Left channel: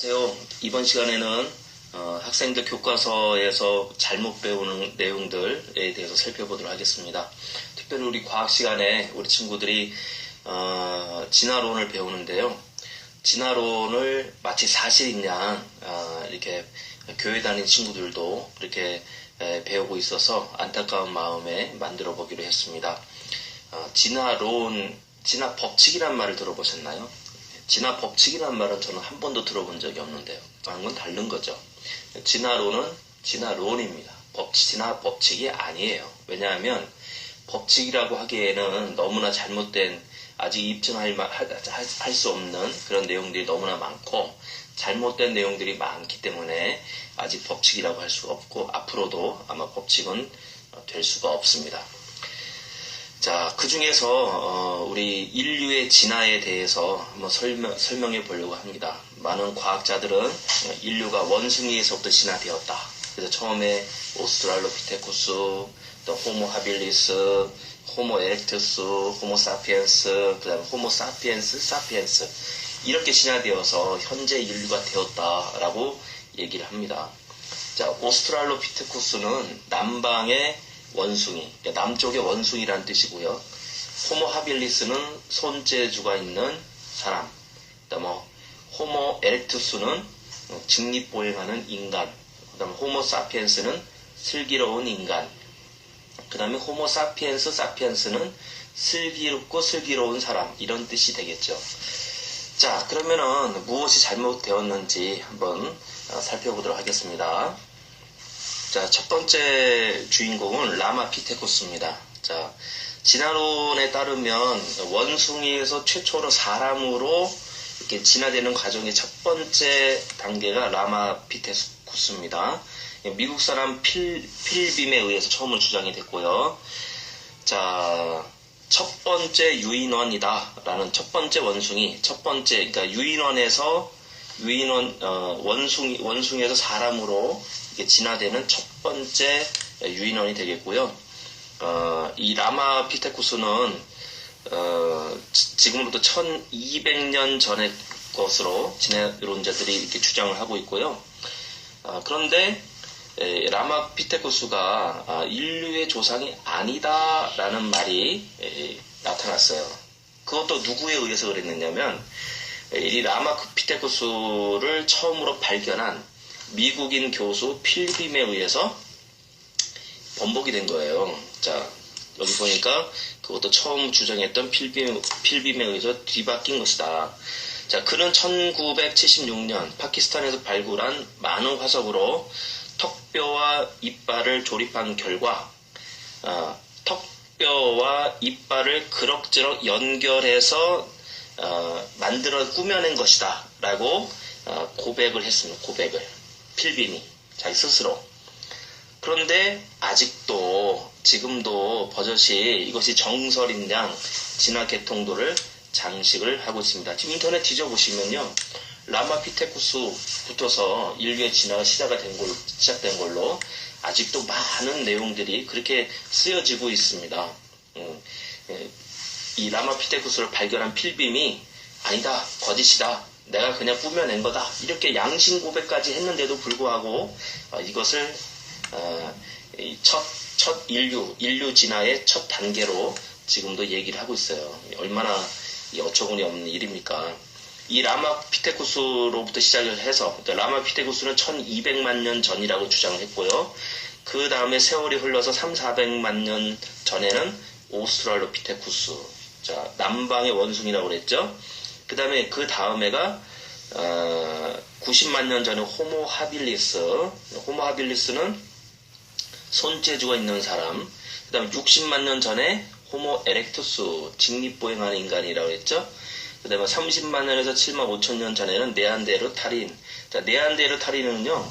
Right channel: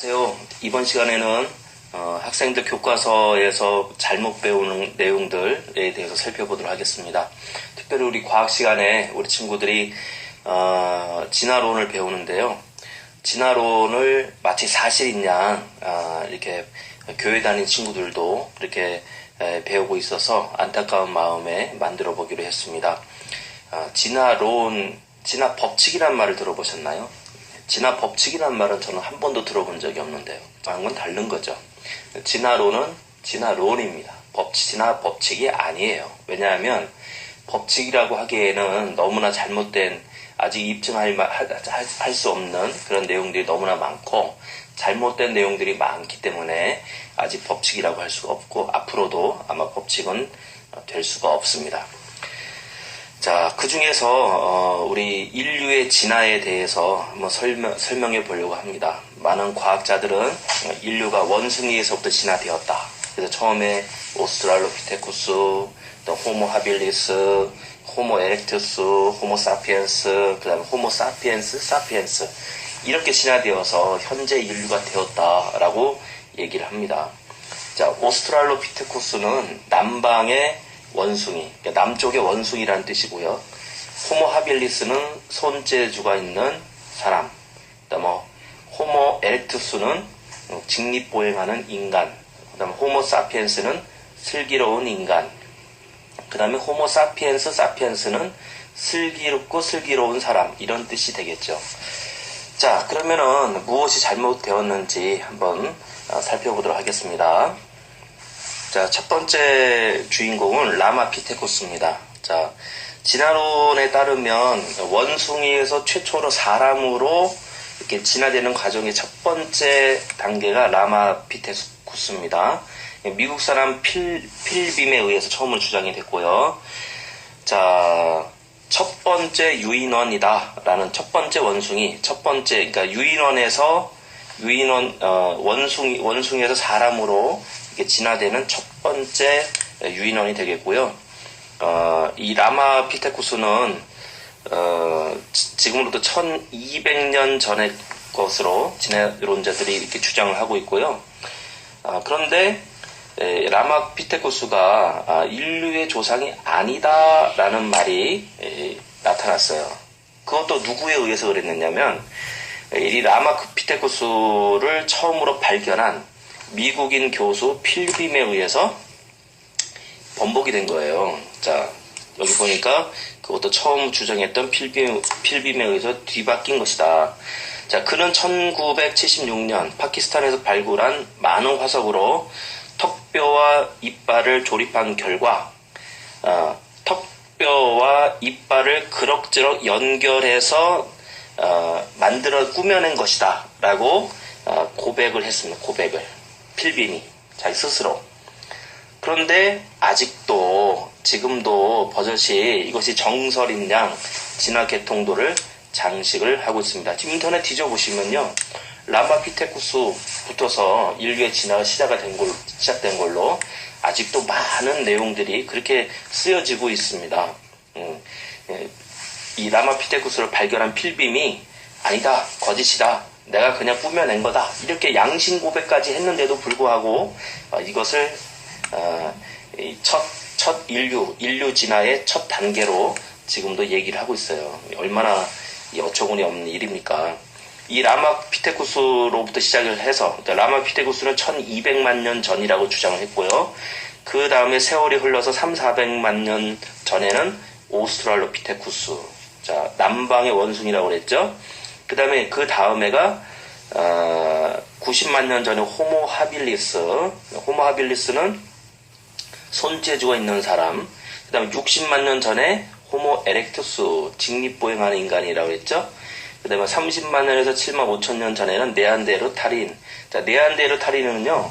안녕하세요. 이번 시간에는 학생들 교과서에서 잘못 배우는 내용들에 대해서 살펴보도록 하겠습니다. 특별히 우리 과학 시간에 우리 친구들이 진화론을 배우는데요. 진화론을 마치 사실인 양 이렇게 교회 다니는 친구들도 이렇게 배우고 있어서 안타까운 마음에 만들어 보기로 했습니다. 진화 법칙이란 말을 들어보셨나요? 진화 법칙이란 말은 저는 한 번도 들어본 적이 없는데요. 다른 건 다른 거죠. 진화론은 진화론입니다. 진화 법칙이 아니에요. 왜냐하면 법칙이라고 하기에는 너무나 잘못된, 아직 입증할 수 없는 그런 내용들이 너무나 많고 잘못된 내용들이 많기 때문에 아직 법칙이라고 할 수가 없고 앞으로도 아마 법칙은 될 수가 없습니다. 자, 그 중에서 우리 인류의 진화에 대해서 한번 설명해 보려고 합니다. 많은 과학자들은 인류가 원숭이에서부터 진화되었다. 그래서 처음에 오스트랄로피테쿠스, 또 호모 하빌리스, 호모 에렉투스, 호모 사피엔스, 그 다음에 호모 사피엔스 이렇게 진화되어서 현재 인류가 되었다라고 얘기를 합니다. 자, 오스트랄로피테쿠스는 남방의 원숭이, 그러니까 남쪽의 원숭이라는 뜻이고요. 호모 하빌리스는 손재주가 있는 사람. 그다음에 호모 에렉투스는 직립보행하는 인간. 그다음에 호모 사피엔스는 슬기로운 인간. 그다음에 호모 사피엔스는 슬기롭고 슬기로운 사람, 이런 뜻이 되겠죠. 자, 그러면은 무엇이 잘못되었는지 한번 살펴보도록 하겠습니다. 자, 첫 번째 주인공은 라마피테쿠스입니다. 자, 진화론에 따르면 원숭이에서 최초로 사람으로 이렇게 진화되는 과정의 첫 번째 단계가 라마피테쿠스입니다. 미국 사람 필빔에 의해서 처음으로 주장이 됐고요. 자, 첫 번째 유인원이다라는 첫 번째 원숭이, 그러니까 원숭이에서 사람으로 진화되는 첫 번째 유인원이 되겠고요. 이 라마피테쿠스는 지금으로부터 1200년 전의 것으로 진화론자들이 이렇게 주장을 하고 있고요. 그런데 라마피테쿠스가 인류의 조상이 아니다라는 말이 나타났어요. 그것도 누구에 의해서 그랬느냐면 이 라마피테쿠스를 처음으로 발견한 미국인 교수 필빔에 의해서 번복이 된 거예요. 자, 여기 보니까 그것도 처음 주장했던 필빔에 의해서 뒤바뀐 것이다. 자, 그는 1976년 파키스탄에서 발굴한 많은 화석으로 턱뼈와 이빨을 조립한 결과 턱뼈와 이빨을 그럭저럭 연결해서 꾸며낸 것이다 라고 고백을 했습니다. 필빔이 자기 스스로. 그런데 지금도 버젓이 이것이 정설인 양 진화 계통도를 장식을 하고 있습니다. 지금 인터넷 뒤져보시면요, 라마피테쿠스부터서 인류의 진화가 시작된 걸로 아직도 많은 내용들이 그렇게 쓰여지고 있습니다. 이 라마피테쿠스를 발견한 필빔이 아니다, 거짓이다, 내가 그냥 꾸며낸 거다, 이렇게 양심 고백까지 했는데도 불구하고 이것을 첫 인류 진화의 첫 단계로 지금도 얘기를 하고 있어요. 얼마나 어처구니 없는 일입니까? 이 라마피테쿠스로부터 시작을 해서, 라마피테쿠스는 1200만 년 전이라고 주장을 했고요. 그 다음에 세월이 흘러서 300~400만 년 전에는 오스트랄로피테쿠스, 자, 남방의 원숭이라고 그랬죠. 그 다음에가 90만 년 전에 호모 하빌리스는 손재주가 있는 사람. 그 다음에 60만 년 전에 호모 에렉투스, 직립보행하는 인간이라고 했죠. 그 다음에 30만 년에서 7만 5천 년 전에는 네안데르탈인. 자, 네안데르탈인은요,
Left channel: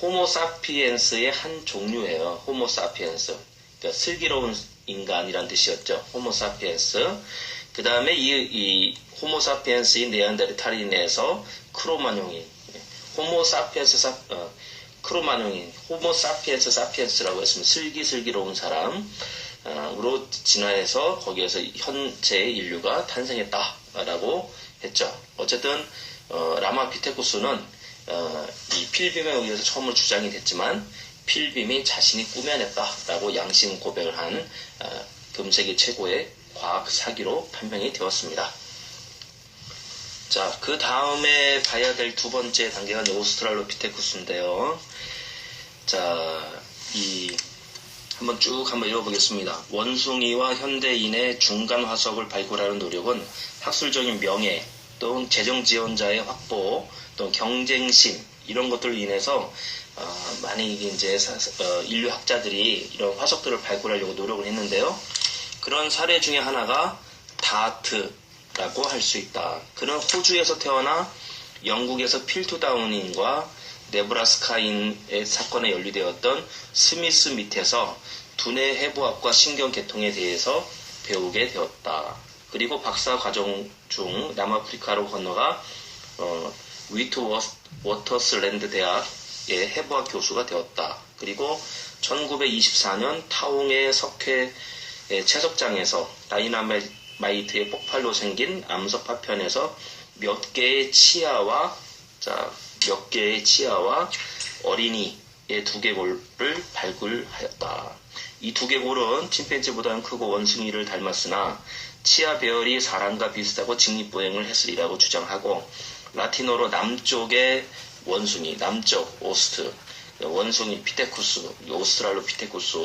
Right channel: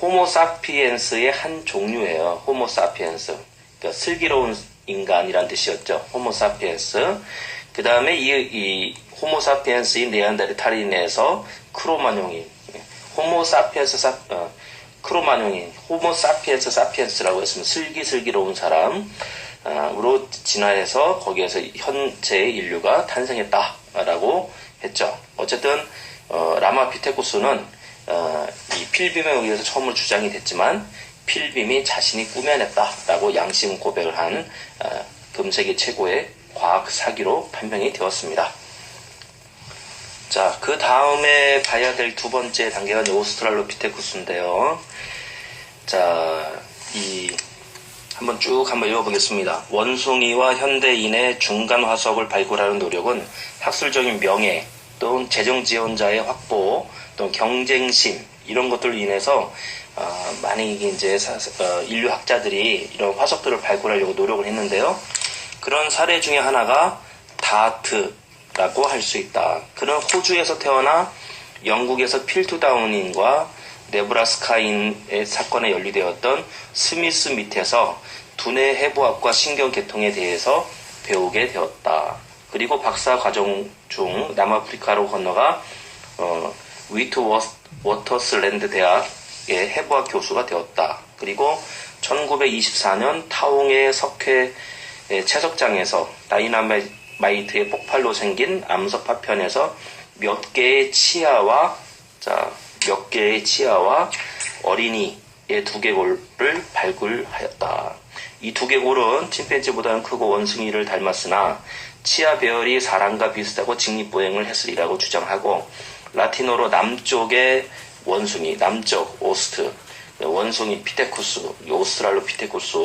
호모 사피엔스의 한 종류예요. 호모 사피엔스. 그러니까 슬기로운 인간이란 뜻이었죠. 호모 사피엔스. 그 다음에 이 호모 사피엔스인 네안데르탈인에서 크로마뇽인, 호모 사피엔스 사피엔스라고 했으면 슬기로운 사람으로 진화해서 거기에서 현재의 인류가 탄생했다라고 했죠. 어쨌든 라마피테쿠스는 이 필빔에 의해서 처음으로 주장이 됐지만 필빔이 자신이 꾸며냈다라고 양심 고백을 한 금세기 최고의 과학 사기로 판명이 되었습니다. 자, 그 다음에 봐야 될 두 번째 단계가 오스트랄로피테쿠스인데요. 자, 한번 읽어보겠습니다. 원숭이와 현대인의 중간 화석을 발굴하는 노력은 학술적인 명예, 또는 재정 지원자의 확보, 또 경쟁심 이런 것들로 인해서 많은 이제 인류 학자들이 이런 화석들을 발굴하려고 노력을 했는데요. 그런 사례 중에 하나가 다트라고 할 수 있다. 그는 호주에서 태어나 영국에서 필투다운인과 네브라스카인의 사건에 연루되었던 스미스 밑에서 두뇌 해부학과 신경계통에 대해서 배우게 되었다. 그리고 박사 과정 중 남아프리카로 건너가 위트워터슬랜드 대학의 해부학 교수가 되었다. 그리고 1924년 타옹의 석회 채석장에서 다이나마이트의 폭발로 생긴 암석 파편에서 몇 개의 치아와 어린이의 두개골을 발굴하였다. 이 두개골은 침팬지보다는 크고 원숭이를 닮았으나 치아 배열이 사람과 비슷하고 직립보행을 했으리라고 주장하고, 라틴어로 남쪽의 원숭이, 남쪽 오스트, 원숭이 피테쿠스, 오스트랄로피테쿠스,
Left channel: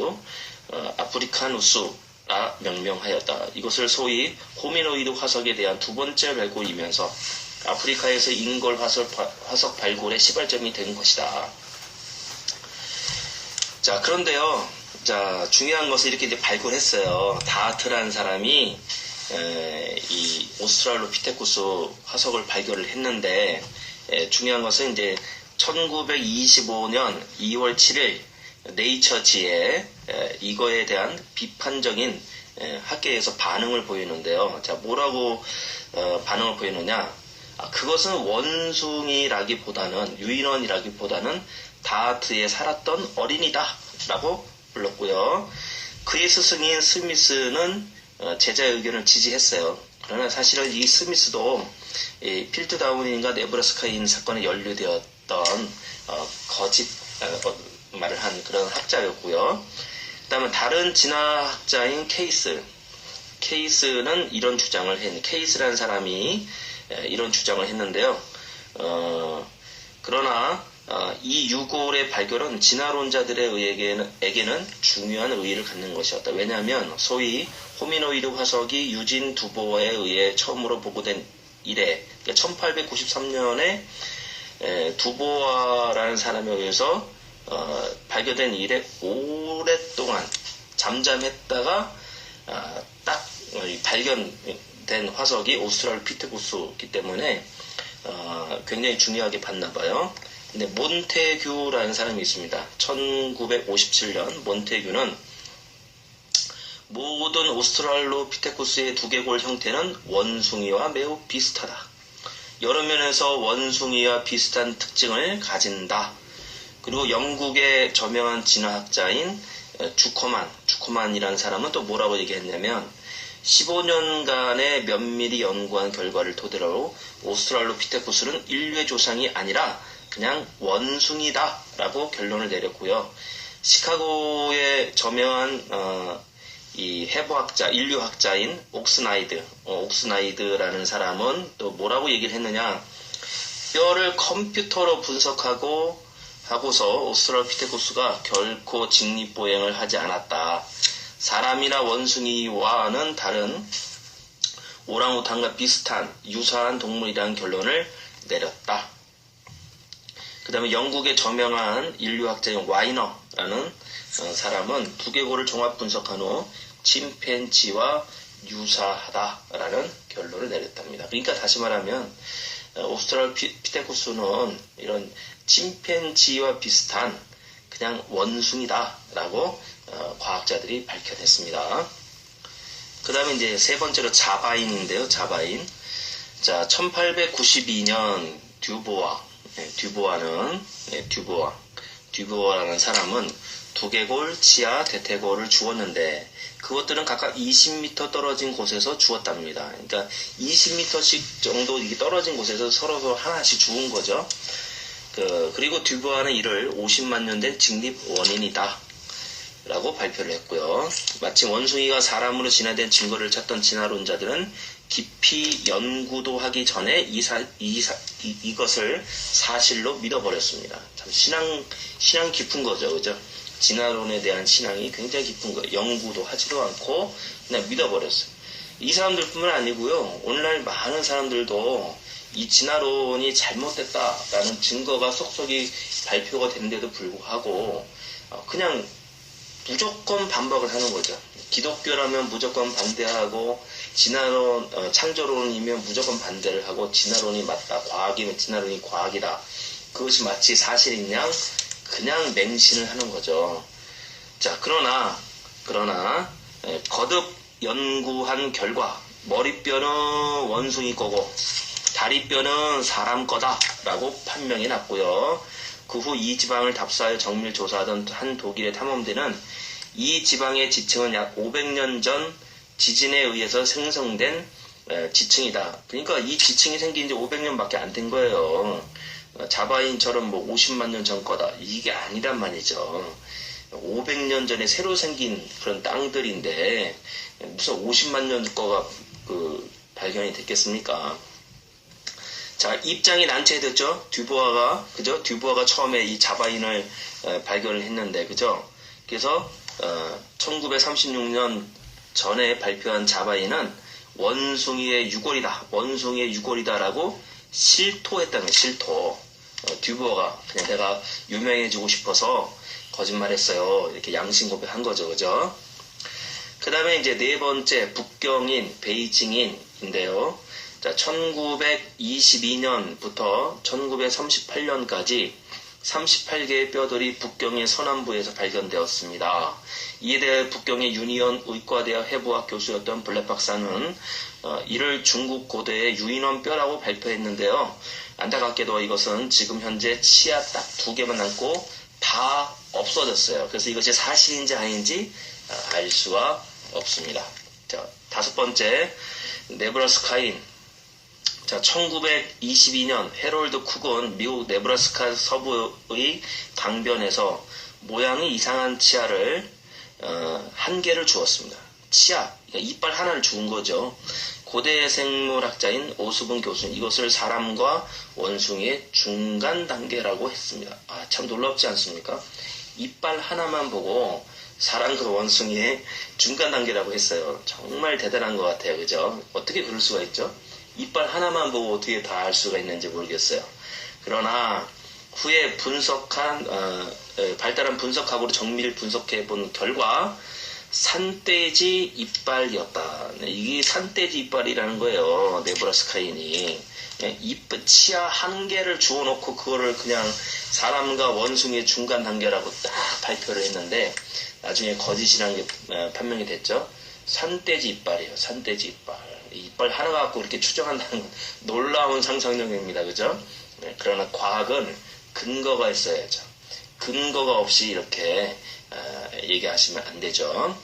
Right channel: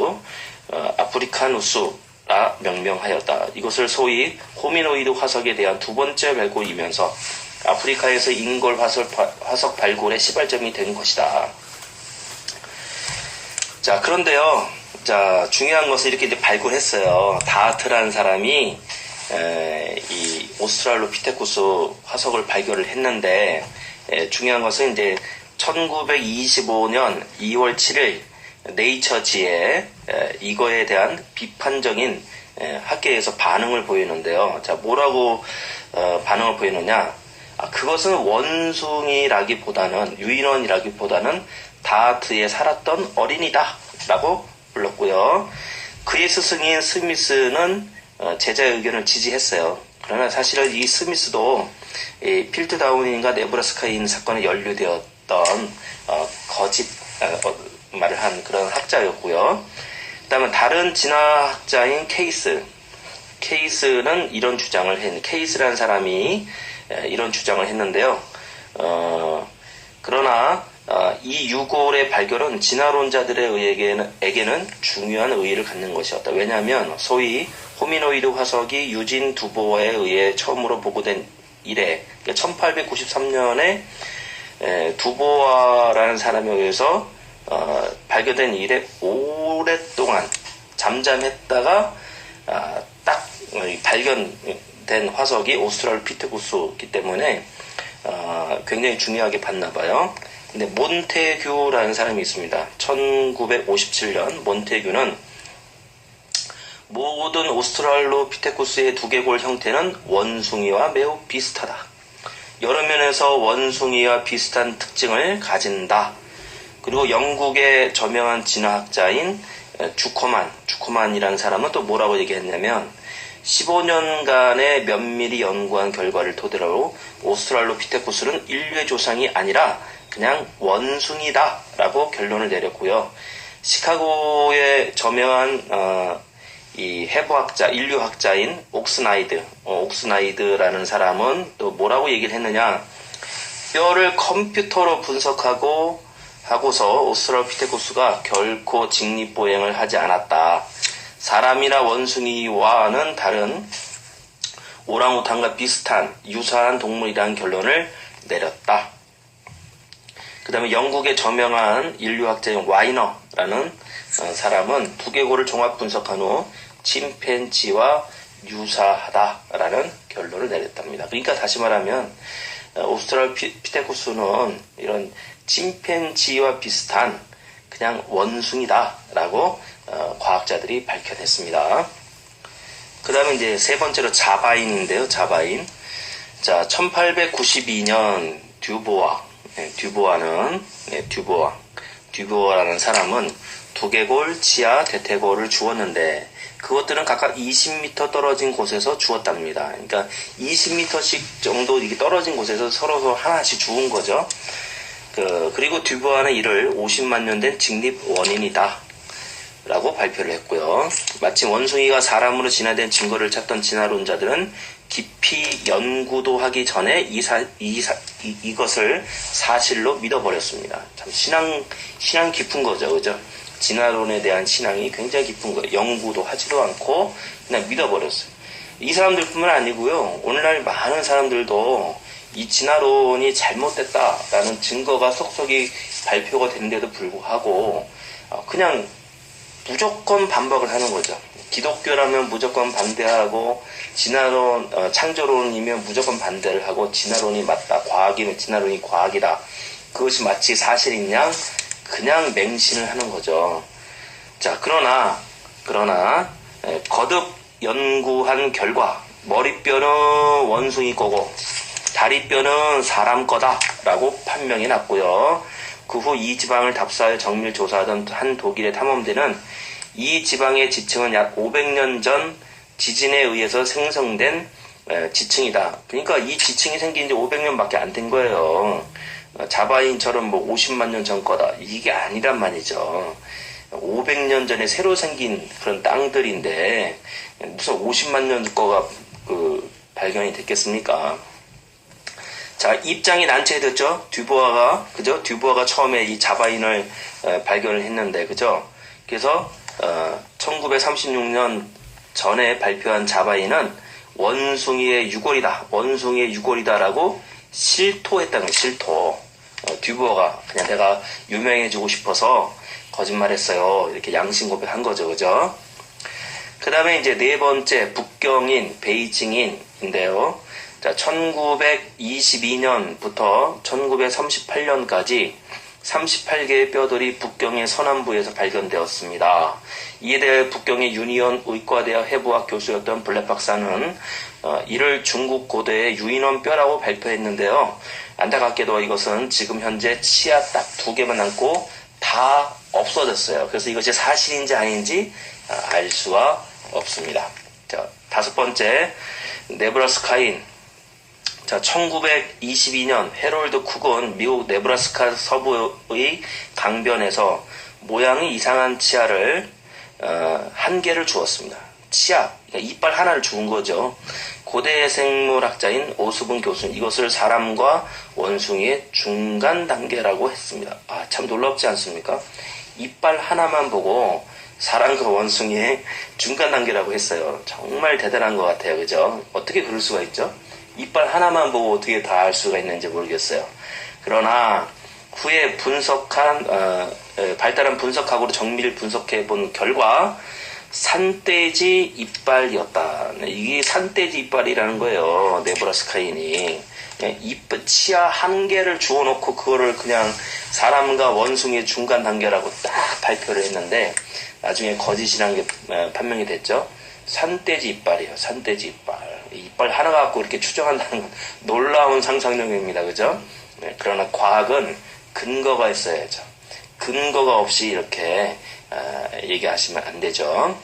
아프리카누스라 명명하였다. 이것을 소위 호미노이드 화석에 대한 두 번째 발굴이면서 아프리카에서 인골 화석 발굴의 시발점이 된 것이다. 자, 그런데요. 자, 중요한 것은 이렇게 이제 발굴했어요. 다하트라는 사람이 이 오스트랄로피테쿠스 화석을 발견을 했는데, 중요한 것은 이제 1925년 2월 7일 네이처지에 이거에 대한 비판적인 학계에서 반응을 보이는데요. 자, 뭐라고 반응을 보이느냐? 그것은 원숭이라기보다는, 유인원이라기보다는 다하트에 살았던 어린이다 라고 불렀고요. 그의 스승인 스미스는 제자의 의견을 지지했어요. 그러나 사실은 이 스미스도 필트다운인과 네브라스카인 사건에 연루되었던 거짓 말을 한 그런 학자였고요. 그 다음에 다른 진화학자인 케이스는 이런 주장을 케이스라는 사람이 이런 주장을 했는데요. 그러나 이 유골의 발견은 진화론자들에게는 중요한 의의를 갖는 것이었다. 왜냐하면 소위 호미노이드 화석이 유진 두보어에 의해 처음으로 보고된 이래, 1893년에 두보아라는 사람에 의해서 발견된 이래 오랫동안 잠잠했다가 딱 발견된 화석이 오스트랄로피테쿠스이기 때문에 굉장히 중요하게 봤나 봐요. 근데 몬테규라는 사람이 있습니다. 1957년 몬테규는 모든 오스트랄로피테쿠스의 두개골 형태는 원숭이와 매우 비슷하다. 여러 면에서 원숭이와 비슷한 특징을 가진다. 그리고 영국의 저명한 진화학자인 주커만이라는 사람은 또 뭐라고 얘기했냐면 15년간의 면밀히 연구한 결과를 토대로 오스트랄로피테쿠스는 인류의 조상이 아니라 그냥 원숭이다 라고 결론을 내렸고요. 시카고의 저명한 이 해부학자, 인류학자인 옥스나이드라는 사람은 또 뭐라고 얘기를 했느냐. 뼈를 컴퓨터로 하고서 오스트랄로피테쿠스가 결코 직립보행을 하지 않았다. 사람이나 원숭이와는 다른 오랑우탄과 유사한 동물이라는 결론을 내렸다. 그 다음에 영국의 저명한 인류학자인 와이너라는 사람은 두개골을 종합 분석한 후 침팬지와 유사하다라는 결론을 내렸답니다. 그러니까 다시 말하면 오스트랄로피테쿠스는 이런 침팬지와 비슷한 그냥 원숭이다라고 과학자들이 밝혀냈습니다. 그 다음에 이제 세 번째로 자바인인데요. 자바인. 자, 1892년 듀보아라는 사람은 두개골, 치아, 대퇴골을 주었는데 그것들은 각각 20m 떨어진 곳에서 주었답니다. 그러니까 20m씩 정도 이게 떨어진 곳에서 서로 하나씩 주운 거죠. 그리고 듀부아는 이를 50만 년 된 직립 원인이다 라고 발표를 했고요. 마침 원숭이가 사람으로 진화된 증거를 찾던 진화론자들은 깊이 연구도 하기 전에 이것을 사실로 믿어버렸습니다. 참 신앙 깊은 거죠. 그죠? 진화론에 대한 신앙이 굉장히 깊은 거예요. 연구도 하지도 않고 그냥 믿어버렸어요. 이 사람들뿐만 아니고요. 오늘날 많은 사람들도 이 진화론이 잘못됐다라는 증거가 속속이 발표가 되는데도 불구하고 그냥 무조건 반박을 하는 거죠. 기독교라면 무조건 반대하고 진화론, 창조론이면 무조건 반대를 하고 진화론이 맞다. 진화론이 과학이다. 그것이 마치 사실인 양 그냥 맹신을 하는 거죠. 자, 그러나 거듭 연구한 결과 머리뼈는 원숭이 거고 다리뼈는 사람 거다라고 판명이 났고요. 그 후 이 지방을 답사하여 정밀 조사하던 한 독일의 탐험대는 이 지방의 지층은 약 500년 전 지진에 의해서 생성된 지층이다. 그러니까 이 지층이 생긴 지 500년밖에 안 된 거예요. 자바인처럼 뭐 50만 년 전 거다. 이게 아니란 말이죠. 500년 전에 새로 생긴 그런 땅들인데 무슨 50만 년 거가 발견이 됐겠습니까? 자, 입장이 난처해졌죠. 듀부아가 처음에 이 자바인을 발견을 했는데, 그죠? 그래서 1936년 전에 발표한 자바인은 원숭이의 유골이다라고 실토했다는 거예요. 실토. 듀부아가 그냥 내가 유명해지고 싶어서 거짓말했어요. 이렇게 양심 고백한 거죠, 그죠? 그 다음에 이제 네 번째 북경인 베이징인인데요. 자, 1922년부터 1938년까지 38개의 뼈들이 북경의 서남부에서 발견되었습니다. 이에 대해 북경의 유니온 의과대학 해부학 교수였던 블랙 박사는 이를 중국 고대의 유인원 뼈라고 발표했는데요. 안타깝게도 이것은 지금 현재 치아 딱 2개만 남고 다 없어졌어요. 그래서 이것이 사실인지 아닌지 알 수가 없습니다. 자, 5번째 네브라스카인. 자, 1922년 해롤드 쿡은 미국 네브라스카 서부의 강변에서 모양이 이상한 치아를 한 개를 주었습니다. 치아, 그러니까 이빨 하나를 주은 거죠. 고대 생물학자인 오수분 교수는 이것을 사람과 원숭이의 중간 단계라고 했습니다. 아, 참 놀랍지 않습니까? 이빨 하나만 보고 사람과 원숭이의 중간 단계라고 했어요. 정말 대단한 것 같아요. 그죠? 어떻게 그럴 수가 있죠? 이빨 하나만 보고 어떻게 다 알 수가 있는지 모르겠어요. 그러나 후에 발달한 분석학으로 정밀 분석해 본 결과 산돼지 이빨이었다. 이게 산돼지 이빨이라는 거예요. 네브라스카인이. 치아 한 개를 주워놓고 그거를 그냥 사람과 원숭이의 중간 단계라고 딱 발표를 했는데 나중에 거짓이라는 게 판명이 됐죠. 산돼지 이빨이에요. 산돼지 이빨. 이빨 하나 갖고 이렇게 추정한다는 건 놀라운 상상력입니다. 그죠? 네, 그러나 과학은 근거가 있어야죠. 근거가 없이 이렇게 얘기하시면 안 되죠.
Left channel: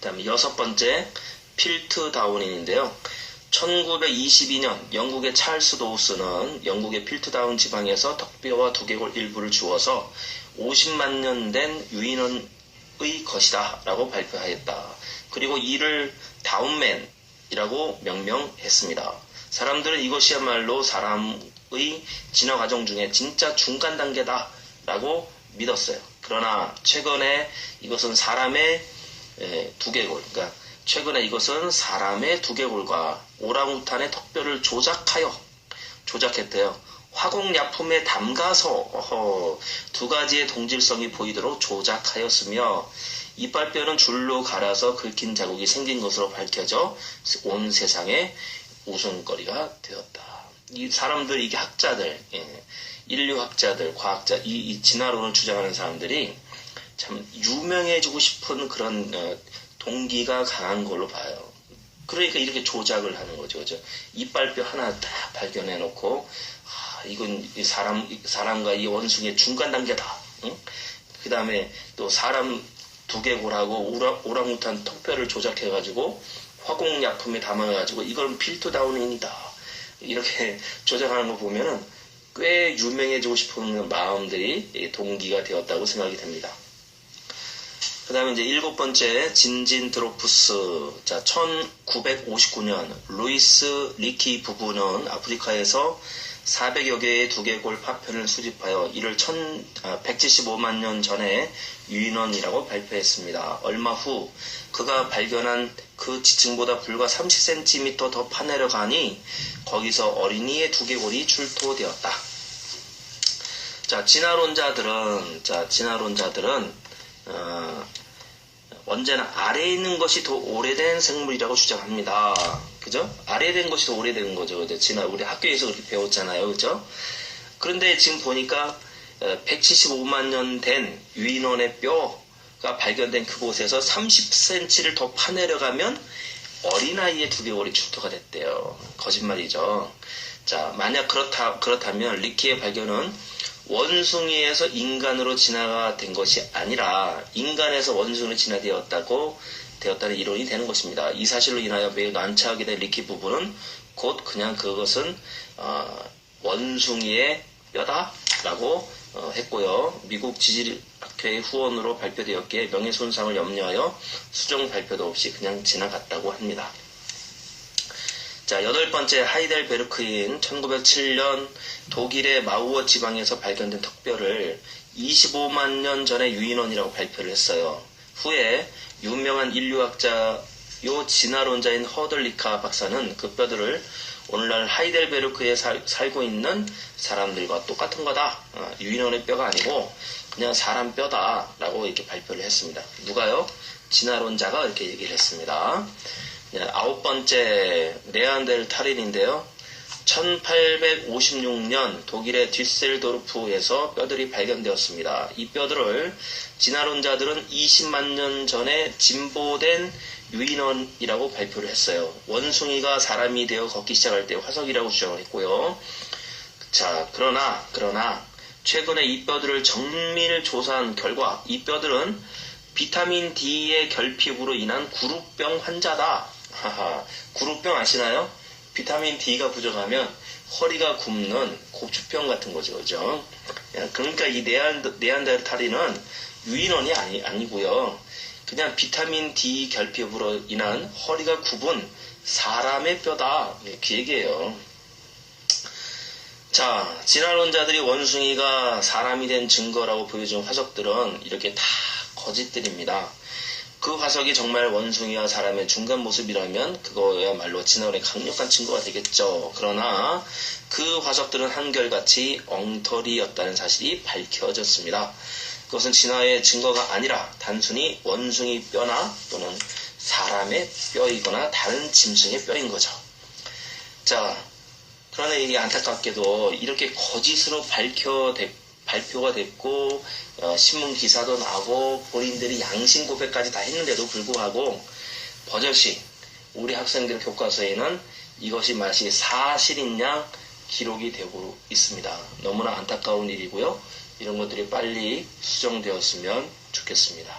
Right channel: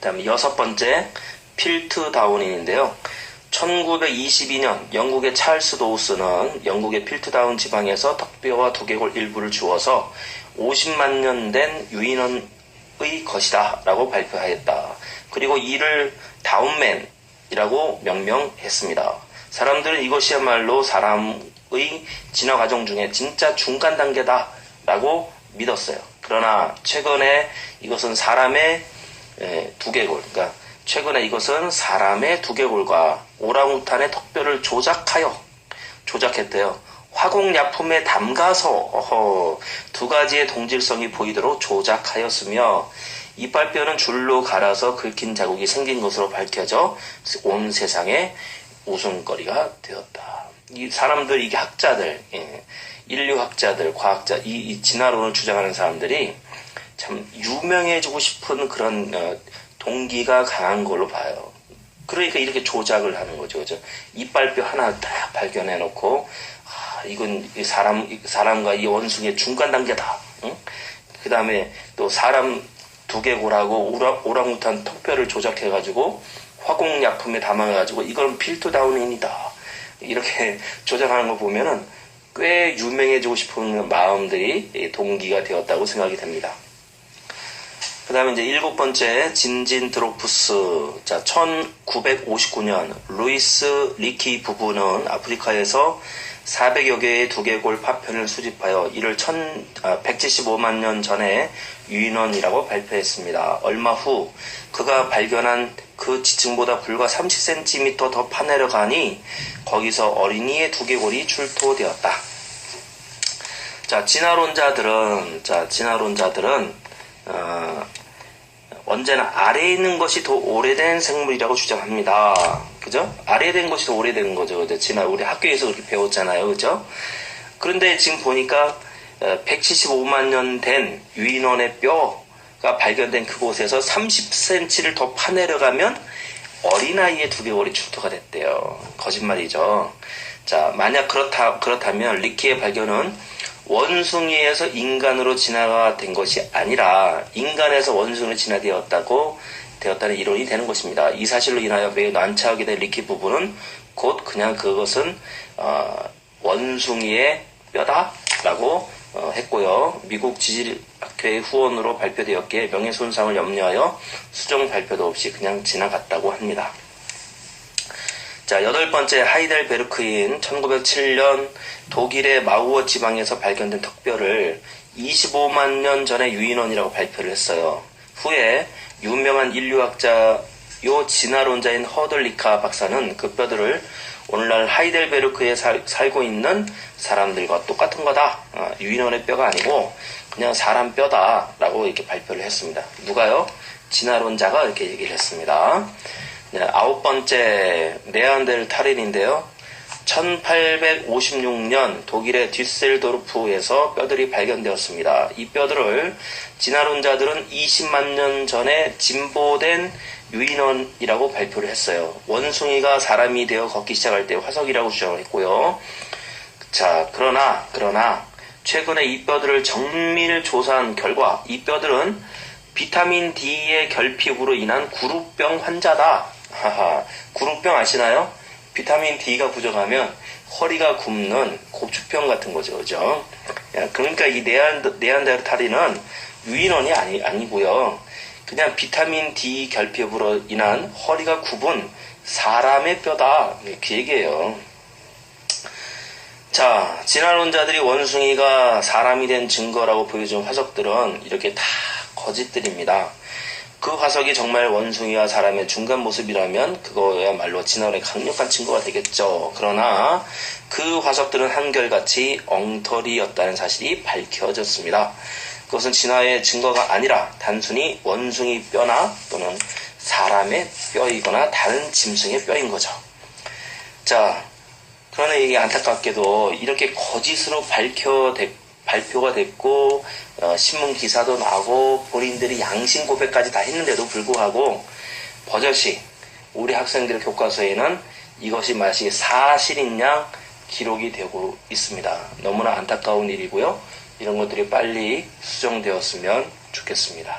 다음에 6번째 필트다운인인데요. 1922년 영국의 찰스 도우스는 영국의 필트다운 지방에서 턱뼈와 두개골 일부를 주어서 50만 년 된 유인원의 것이다 라고 발표하였다. 그리고 이를 다운맨이라고 명명했습니다. 사람들은 이것이야말로 사람의 진화 과정 중에 진짜 중간 단계다 라고 믿었어요. 그러나 최근에 이것은 사람의 두개골, 그러니까 최근에 이것은 사람의 두개골과 오랑우탄의 턱뼈를 조작했대요. 화공약품에 담가서 두 가지의 동질성이 보이도록 조작하였으며 이빨뼈는 줄로 갈아서 긁힌 자국이 생긴 것으로 밝혀져 온 세상에 웃음거리가 되었다. 이 사람들, 이게 학자들, 인류학자들, 과학자, 이 진화론을 주장하는 사람들이 참 유명해지고 싶은 그런 동기가 강한 걸로 봐요. 그러니까 이렇게 조작을 하는 거죠. 그죠? 이빨뼈 하나 딱 발견해놓고, 이건 사람과 이 원숭이의 중간 단계다. 응? 그 다음에 또 사람 두개골하고 오랑우탄 턱뼈를 조작해가지고 화공약품에 담아가지고 이건 필투다운인이다 이렇게 조작하는 거 보면은 꽤 유명해지고 싶은 마음들이 동기가 되었다고 생각이 됩니다. 그 다음에 이제 7번째 진진드로푸스. 자, 1959년 루이스 리키 부부는 아프리카에서 400여 개의 두개골 파편을 수집하여 이를 175만 년 전에 유인원이라고 발표했습니다. 얼마 후 그가 발견한 그 지층보다 불과 30cm 더 파내려가니 거기서 어린이의 두개골이 출토되었다. 자, 진화론자들은 언제나 아래에 있는 것이 더 오래된 생물이라고 주장합니다. 그죠? 아래에 된 것이 더 오래된 거죠. 우리 학교에서 그렇게 배웠잖아요. 그죠? 그런데 지금 보니까 175만 년 된 유인원의 뼈가 발견된 그곳에서 30cm를 더 파내려가면 어린아이의 두개골이 출토가 됐대요. 거짓말이죠. 자, 만약 그렇다면 리키의 발견은 원숭이에서 인간으로 진화가 된 것이 아니라 인간에서 원숭이로 진화되었다는 이론이 되는 것입니다. 이 사실로 인하여 매우 난처하게 된 리키 부부는 곧 그냥 그것은 원숭이의 뼈다라고 했고요. 미국 지질학회의 후원으로 발표되었기에 명예손상을 염려하여 수정 발표도 없이 그냥 지나갔다고 합니다. 자, 8번째 하이델베르크인 1907년 독일의 마우어 지방에서 발견된 턱뼈를 25만 년 전에 유인원이라고 발표를 했어요. 후에 유명한 인류학자요 진화론자인 허들리카 박사는 그 뼈들을 오늘날 하이델베르크에 살고 있는 사람들과 똑같은 거다. 유인원의 뼈가 아니고 그냥 사람 뼈다라고 이렇게 발표를 했습니다. 누가요? 진화론자가 이렇게 얘기를 했습니다. 9번째 네안데르탈인인데요. 1856년 독일의 뒤셀도르프에서 뼈들이 발견되었습니다. 이 뼈들을 진화론자들은 20만 년 전에 진보된 유인원이라고 발표를 했어요. 원숭이가 사람이 되어 걷기 시작할 때 화석이라고 주장을 했고요. 자, 그러나 최근에 이 뼈들을 정밀 조사한 결과 이 뼈들은 비타민 D의 결핍으로 인한 구루병 환자다. 구루병 아시나요? 비타민 D가 부족하면 허리가 굽는 고추병 같은 거죠. 그죠? 그러니까 이 네안데르탈인은 유인원이 아니고요. 그냥 비타민 D 결핍으로 인한 허리가 굽은 사람의 뼈다. 이렇게 얘기해요. 자, 진화론자들이 원숭이가 사람이 된 증거라고 보여준 화석들은 이렇게 다 거짓들입니다. 그 화석이 정말 원숭이와 사람의 중간 모습이라면 그거야말로 진화론의 강력한 증거가 되겠죠. 그러나 그 화석들은 한결같이 엉터리였다는 사실이 밝혀졌습니다. 그것은 진화의 증거가 아니라 단순히 원숭이 뼈나 또는 사람의 뼈이거나 다른 짐승의 뼈인 거죠. 자, 그러나 이게 안타깝게도 이렇게 거짓으로 발표가 됐고 신문 기사도 나고 본인들이 양심 고백까지 다 했는데도 불구하고 버젓이 우리 학생들 교과서에는 이것이 마치 사실인 양 기록이 되고 있습니다. 너무나 안타까운 일이고요. 이런 것들이 빨리 수정되었으면 좋겠습니다.